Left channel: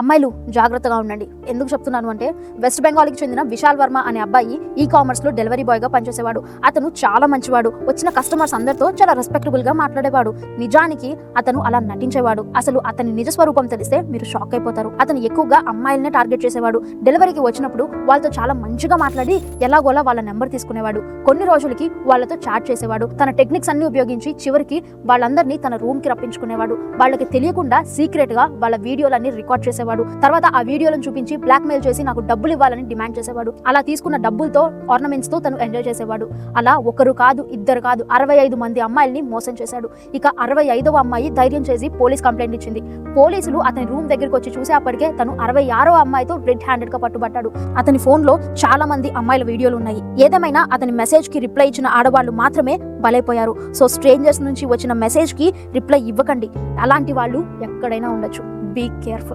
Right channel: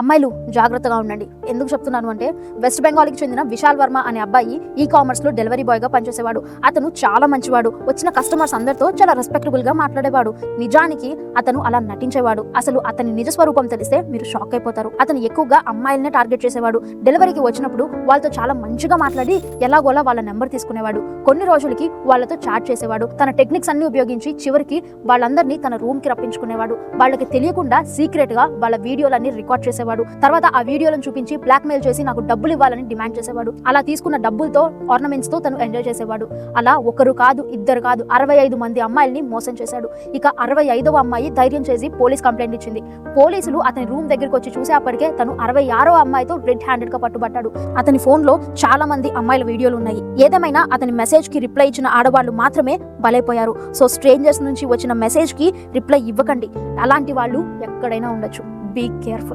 అమ్మాయిలు జాగ్రత్తగా ఉండండి. ఎందుకు చెప్తున్నాను అంటే, వెస్ట్ బెంగాల్కి చెందిన విశాల్ వర్మ అనే అబ్బాయి కామర్స్ లో డెలివరీ బాయ్ గా పనిచేసేవాడు. అతను చాలా మంచివాడు. వచ్చిన కస్టమర్స్ అందరితో చాలా రెస్పెక్టబుల్ గా మాట్లాడేవాడు. నిజానికి అతను అలా నటించేవాడు. అసలు అతని నిజ స్వరూపం తెలిస్తే మీరు షాక్ అయిపోతారు. అతను ఎక్కువగా అమ్మాయిలనే టార్గెట్ చేసేవాడు. డెలివరీకి వచ్చినప్పుడు వాళ్ళతో చాలా మంచిగా మాట్లాడి ఎలాగోలా వాళ్ళ నెంబర్ తీసుకునేవాడు. కొన్ని రోజులకి వాళ్ళతో చాట్ చేసేవాడు. తన టెక్నిక్స్ అన్ని ఉపయోగించి చివరికి వాళ్ళందరినీ తన రూమ్ కి రప్పించుకునేవాడు. వాళ్ళకి తెలియకుండా సీక్రెట్ గా వాళ్ళ వీడియోలన్నీ రికార్డ్ చేసేవాడు. తర్వాత ఆ వీడియోలను చూపించి బ్లాక్ మెయిల్ చేసి నాకు డబ్బులు ఇవ్వాలని డిమాండ్ చేసేవాడు. అలా తీసుకున్న డబ్బులతో ఆర్నమెంట్స్ తో తను ఎంజాయ్ చేసేవాడు. అలా ఒకరు కాదు, ఇద్దరు కాదు, 65 మంది అమ్మాయిల్ని మోసం చేశాడు. ఇక 65వ అమ్మాయి ధైర్యం చేసి పోలీస్ కంప్లైంట్ ఇచ్చింది. పోలీసులు అతని రూమ్ దగ్గరికి వచ్చి చూసేప్పటికే తను 66వ అమ్మాయితో రెడ్ హ్యాండెడ్ గా పట్టుబట్టాడు. అతని ఫోన్ లో చాలా మంది అమ్మాయిల వీడియోలు ఉన్నాయి. ఏదేమైనా అతని మెసేజ్ కి రిప్లై ఇచ్చిన ఆడవాళ్ళు మాత్రమే బలైపోయారు. సో స్ట్రేంజర్స్ నుంచి వచ్చిన మెసేజ్ కి రిప్లై ఇవ్వకండి. అలాంటి వాళ్ళు ఎక్కడైనా ఉండొచ్చు. Be careful.